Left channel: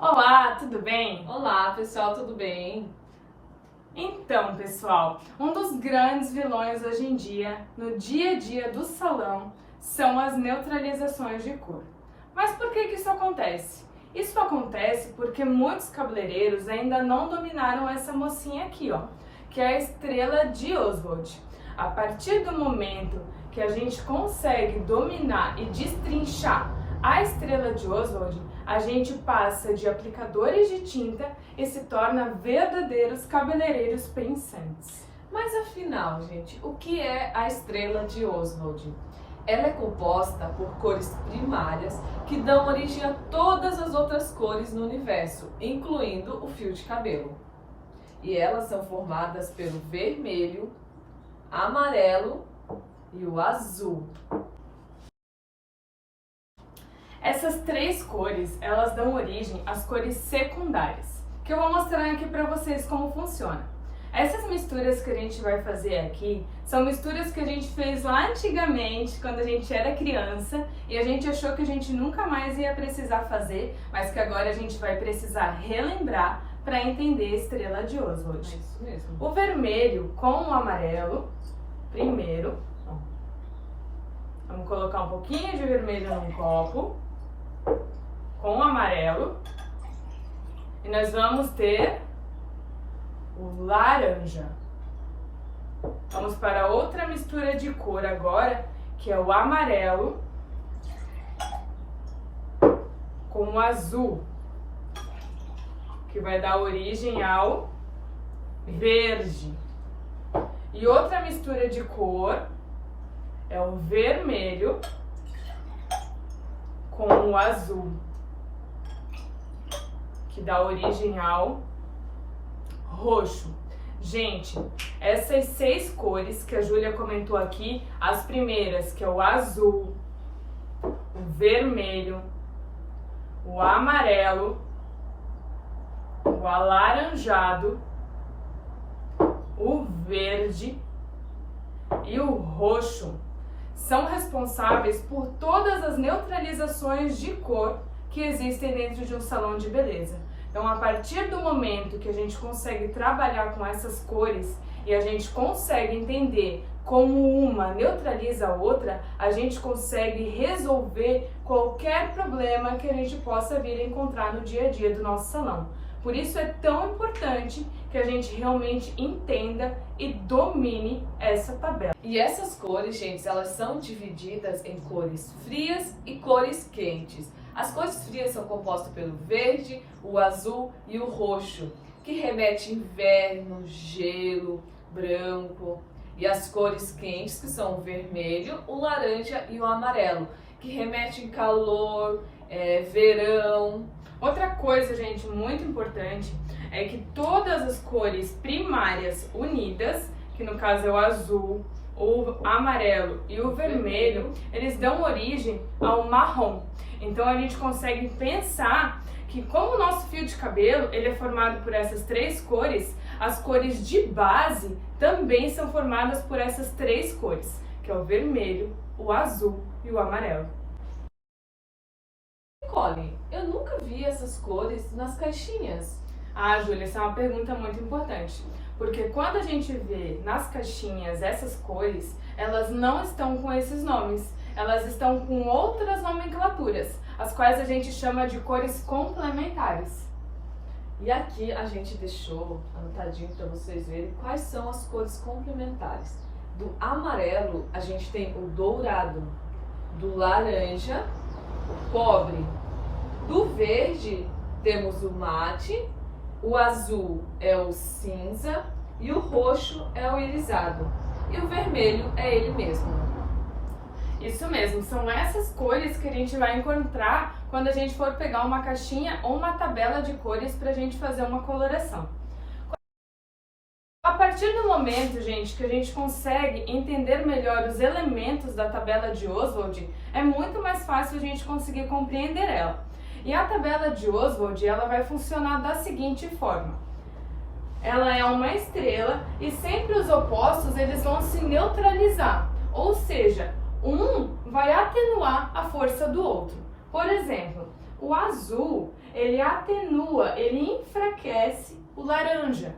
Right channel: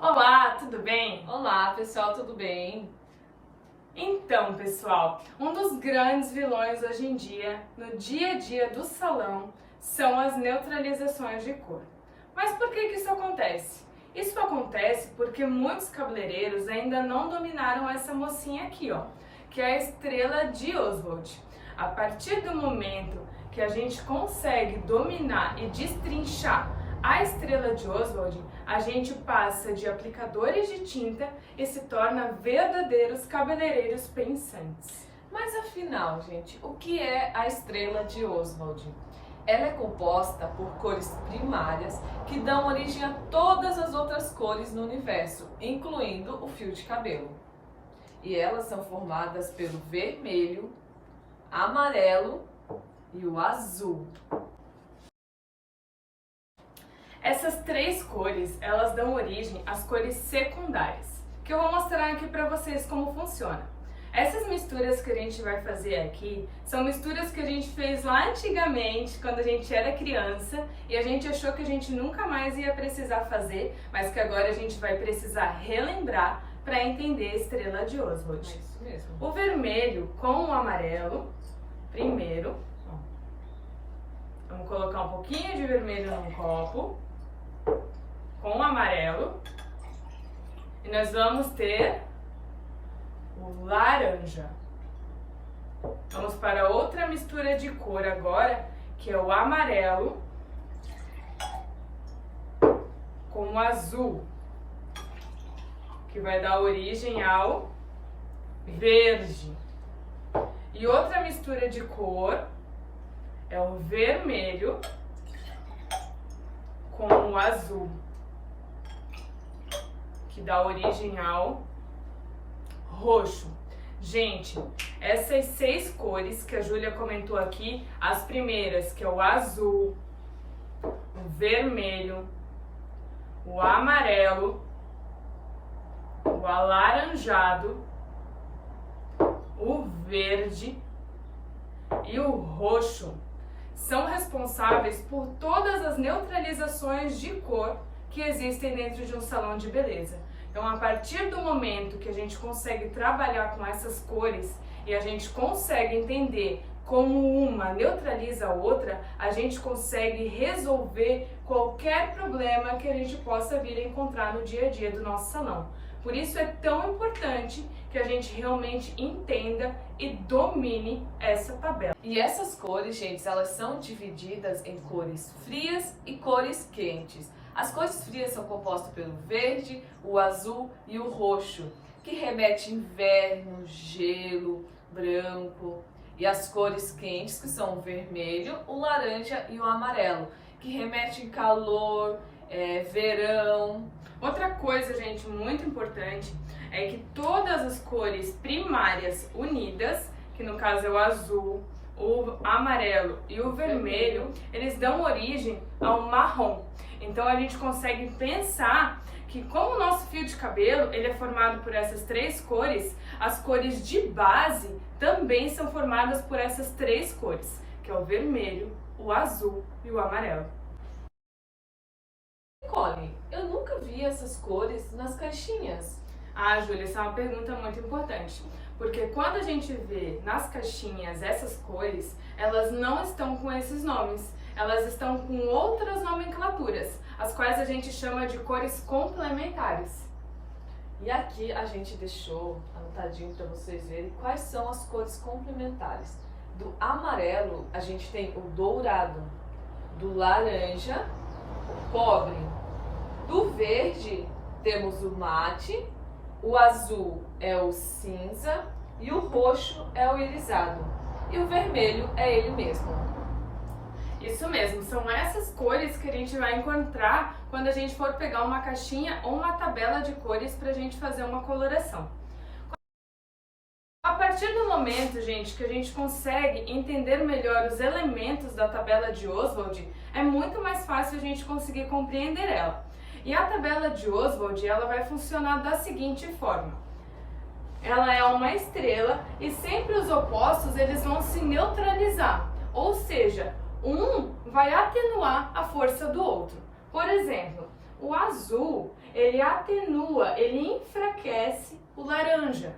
Olá, tudo bem? Olá, pessoal, tudo bem? Então, pessoal, um dos grandes vilões hoje em dia, no dia a dia do salão, são as neutralizações de cor. Mas por que isso acontece? Isso acontece porque muitos cabeleireiros ainda não dominaram essa mocinha aqui, ó, que é a estrela de Oswald. A partir do momento que a gente consegue dominar e destrinchar a estrela de Oswald, a gente passa de aplicadores de tinta e se torna verdadeiros cabeleireiros pensantes. Mas afinal, gente, o que é a estrela de Oswald? Ela é composta por cores primárias que dão origem a todas as outras cores no universo, incluindo o fio de cabelo. E elas são formadas pelo vermelho, amarelo e o azul. Essas três cores, elas dão origem às cores secundárias, que eu vou mostrar aqui para vocês como funciona. Essas misturas que a gente vai fazer aqui são misturas que a gente fez lá antigamente, quando a gente era criança, e a gente achou que a gente nunca mais ia precisar fazer, mas que agora a gente vai precisar relembrar para entender a estrela de Oswald. É isso mesmo. O vermelho com o amarelo, primeiro, vamos colocar um pouquinho de vermelho num copo, com o amarelo, e nós vamos ter o laranja. Vamos para outra mistura de cor agora, que é o amarelo com o azul, que vai dar origem ao verde. E outra mistura de cor é o vermelho com o azul, que dá origem ao roxo. Gente, essas 6 cores que a Júlia comentou aqui, as primeiras, que é o azul, o vermelho, o amarelo, o alaranjado, o verde e o roxo, são responsáveis por todas as neutralizações de cor que existem dentro de um salão de beleza. Então, a partir do momento que a gente consegue trabalhar com essas cores e a gente consegue entender como uma neutraliza a outra, a gente consegue resolver qualquer problema que a gente possa vir a encontrar no dia a dia do nosso salão. Por isso é tão importante que a gente realmente entenda e domine essa tabela. E essas cores, gente, elas são divididas em cores frias e cores quentes. As cores frias são compostas pelo verde, o azul e o roxo, que remete inverno, gelo, branco. E as cores quentes, que são o vermelho, o laranja e o amarelo, que remetem calor, verão. Outra coisa, gente, muito importante é que todas as cores primárias unidas, que no caso é o azul, o amarelo e o vermelho, eles dão origem ao marrom. Então a gente consegue pensar que como o nosso fio de cabelo ele é formado por essas 3 cores, as cores de base também são formadas por essas 3 cores, que é o vermelho, o azul e o amarelo. Nicole, eu nunca vi essas cores nas caixinhas. Ah, Júlia, essa é uma pergunta muito importante, porque quando a gente vê nas caixinhas essas cores, elas não estão com esses nomes, elas estão com outras nomenclaturas, as quais a gente chama de cores complementares. E aqui a gente deixou anotadinho para vocês verem quais são as cores complementares. Do amarelo, a gente tem o dourado, do laranja, o cobre, do verde, temos o mate, o azul é o cinza e o roxo é o irisado. E o vermelho é ele mesmo. Isso mesmo, são essas cores que a gente vai encontrar quando a gente for pegar uma caixinha ou uma tabela de cores para a gente fazer uma coloração. A partir do momento, gente, que a gente consegue entender melhor os elementos da tabela de Oswald, é muito mais fácil a gente conseguir compreender ela. E a tabela de Oswald, ela vai funcionar da seguinte forma. Ela é uma estrela e sempre os opostos eles vão se neutralizar, ou seja, um vai atenuar a força do outro. Por exemplo, o azul, ele atenua, ele enfraquece o laranja.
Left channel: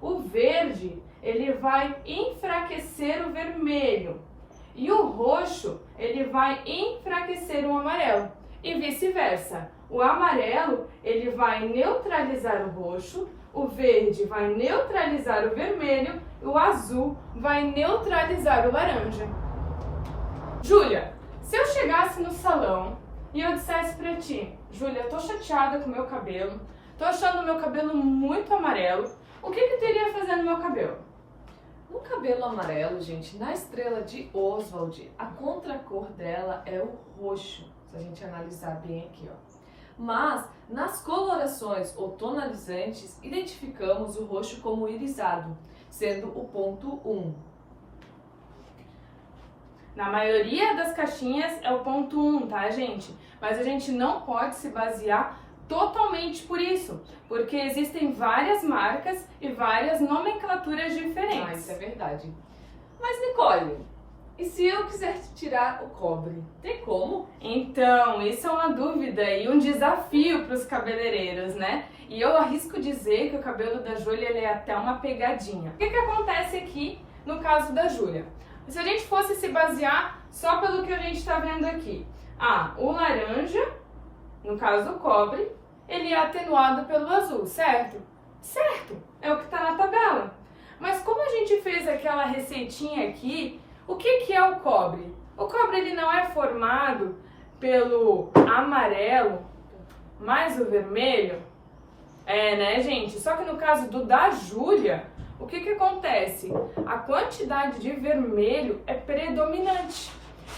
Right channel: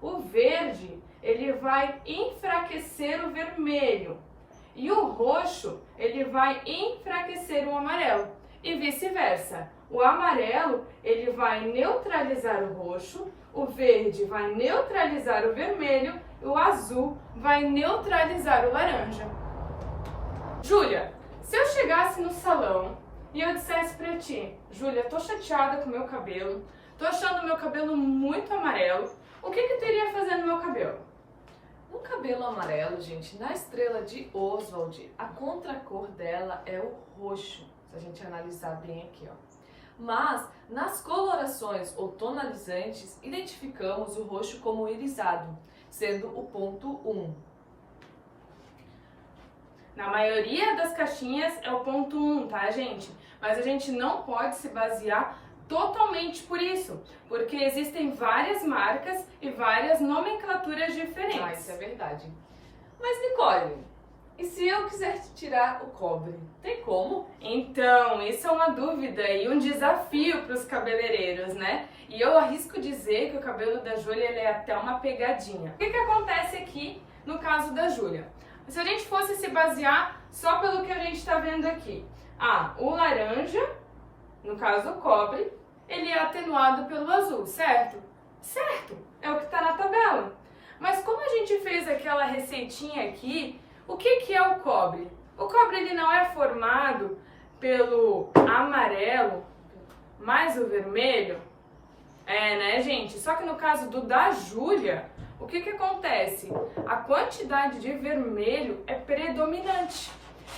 O verde, ele vai enfraquecer o vermelho. E o roxo, ele vai enfraquecer o amarelo. E vice-versa. O amarelo, ele vai neutralizar o roxo, o verde vai neutralizar o vermelho e o azul vai neutralizar o laranja. Júlia, se eu chegasse no salão e eu dissesse pra ti, Júlia, tô chateada com o meu cabelo, tô achando o meu cabelo muito amarelo, o que que eu teria a fazer no meu cabelo? No cabelo amarelo, gente, na estrela de Oswald, a contracor dela é o roxo, se a gente analisar bem aqui, ó. Mas, nas colorações ou tonalizantes, identificamos o roxo como irisado, sendo o ponto 1. Na maioria das caixinhas é o ponto 1, tá, gente? Mas a gente não pode se basear totalmente por isso, porque existem várias marcas e várias nomenclaturas diferentes. Ah, isso é verdade. Mas, Nicole, e se eu quiser tirar o cobre, tem como? Então, isso é uma dúvida e um desafio para os cabeleireiros, né? E eu arrisco dizer que o cabelo da Júlia ele é até uma pegadinha. O que que acontece aqui no caso da Júlia? Se a gente fosse se basear só pelo que a gente está vendo aqui, o laranja, no caso do cobre, ele é atenuado pelo azul, certo? Certo, é o que está na tabela. Mas como a gente fez aquela receitinha aqui, o que que é o cobre? O cobre ele não é formado pelo amarelo mais o vermelho? É, né, gente? Só que no caso do da Júlia, o que que acontece? A quantidade de vermelho é predominante.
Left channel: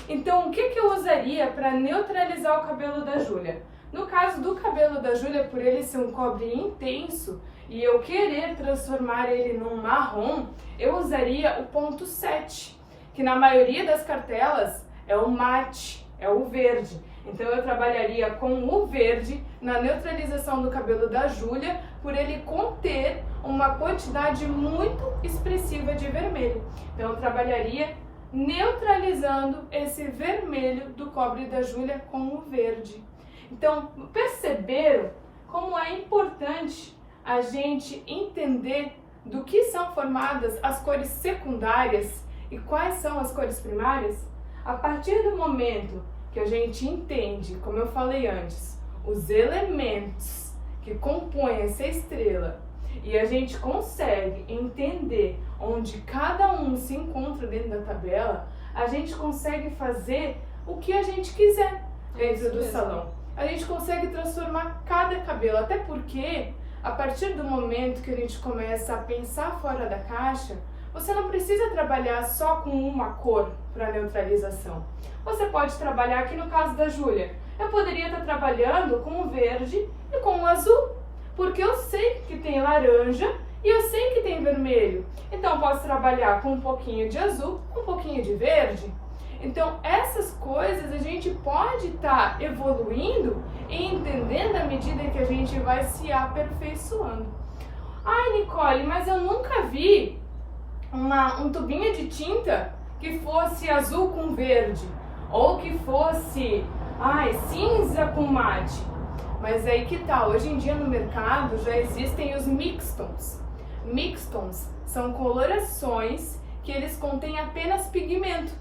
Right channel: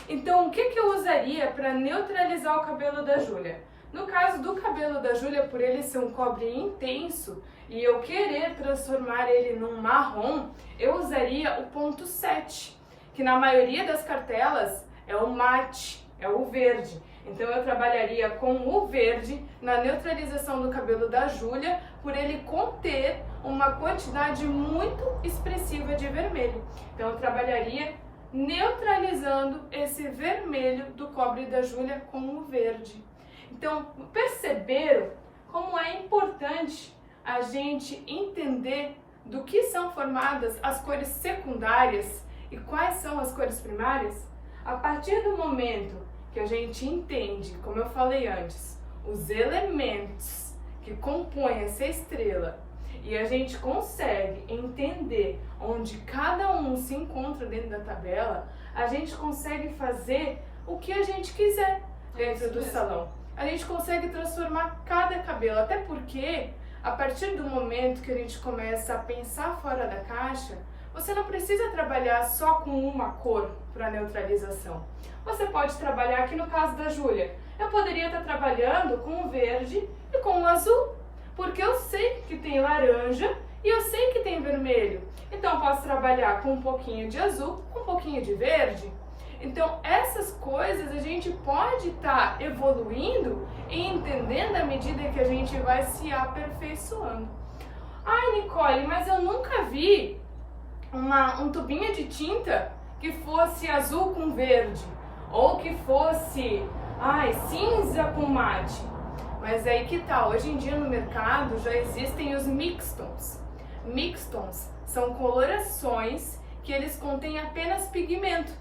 Então, o que que eu usaria para neutralizar o cabelo da Júlia? No caso do cabelo da Júlia, por ele ser um cobre intenso e eu querer transformar ele num marrom, eu usaria o ponto 7, que na maioria das cartelas é o mate, é o verde. Então eu trabalharia com o verde na neutralização do cabelo da Júlia, por ele conter uma quantidade muito expressiva de vermelho. Então eu trabalharia neutralizando esse vermelho do cobre da Júlia com o verde. Então, perceberam como é importante a gente entender do que são formadas as cores secundárias e quais são as cores primárias? A partir do momento que a gente entende, como eu falei antes, os elementos que compõem essa estrela e a gente consegue entender onde cada um se encontra dentro da tabela, a gente consegue fazer o que a gente quiser dentro do salão. A gente consegue transformar cada cabelo, até porque a partir do momento que a gente começa a pensar fora da caixa, você não precisa trabalhar só com uma cor para neutralização. Você pode trabalhar, aqui no caso da Júlia, eu poderia estar trabalhando com o verde e com o azul, porque eu sei que tem laranja e eu sei que tem vermelho. Então eu posso trabalhar com um pouquinho de azul, um pouquinho de verde. Então essas coisas a gente pode estar evoluindo e entendendo à medida que a gente vai se aperfeiçoando. Ai, Nicole, mas eu nunca vi um tubinho de tinta que fosse azul com verde, ou que fosse cinza com mate. Mas aí que tá, hoje em dia no mercado já existem os mixtons. Mixtons são colorações que eles contêm apenas pigmento.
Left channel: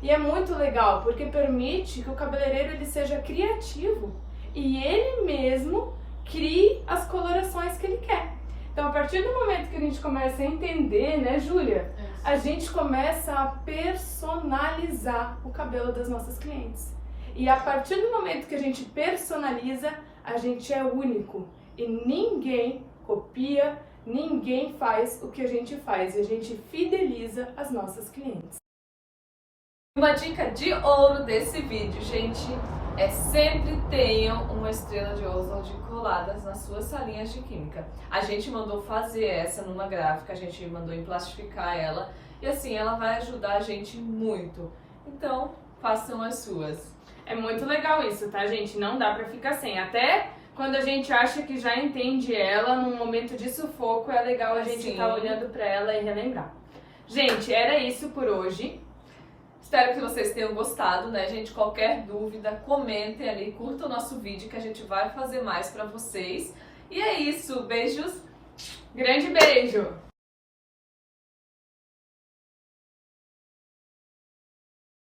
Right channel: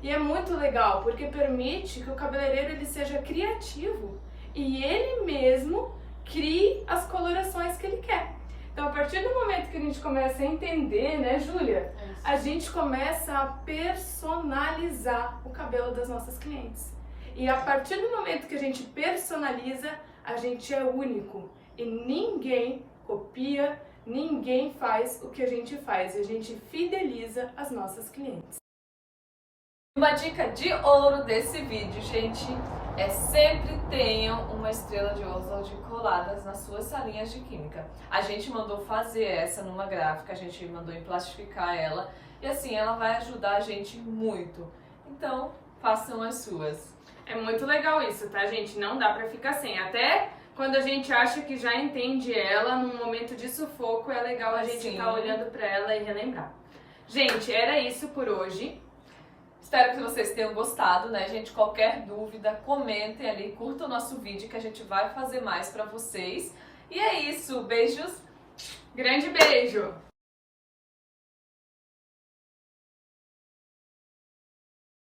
E é muito legal, porque permite que o cabeleireiro ele seja criativo e ele mesmo crie as colorações que ele quer. Então, a partir do momento que a gente começa a entender, né, Júlia? A gente começa a personalizar o cabelo das nossas clientes. E a partir do momento que a gente personaliza, a gente é único. E ninguém copia, ninguém faz o que a gente faz. E a gente fideliza as nossas clientes. Uma dica de ouro desse vídeo, gente, é sempre tenham uma estrela de Oswald coladas nas suas salinhas de química. A gente mandou fazer essa numa gráfica, a gente mandou emplastificar ela e assim ela vai ajudar a gente muito. Então, façam as suas. É muito legal isso, tá, gente? Não dá pra ficar sem. Até quando a gente acha que já entende ela, num momento de sufoco, é legal a gente estar olhando pra ela e relembrar. Gente, era isso por hoje. Espero que vocês tenham gostado, né, gente? Qualquer dúvida, comentem ali, curtam o nosso vídeo que a gente vai fazer mais pra vocês. E é isso, beijos. Grande beijo!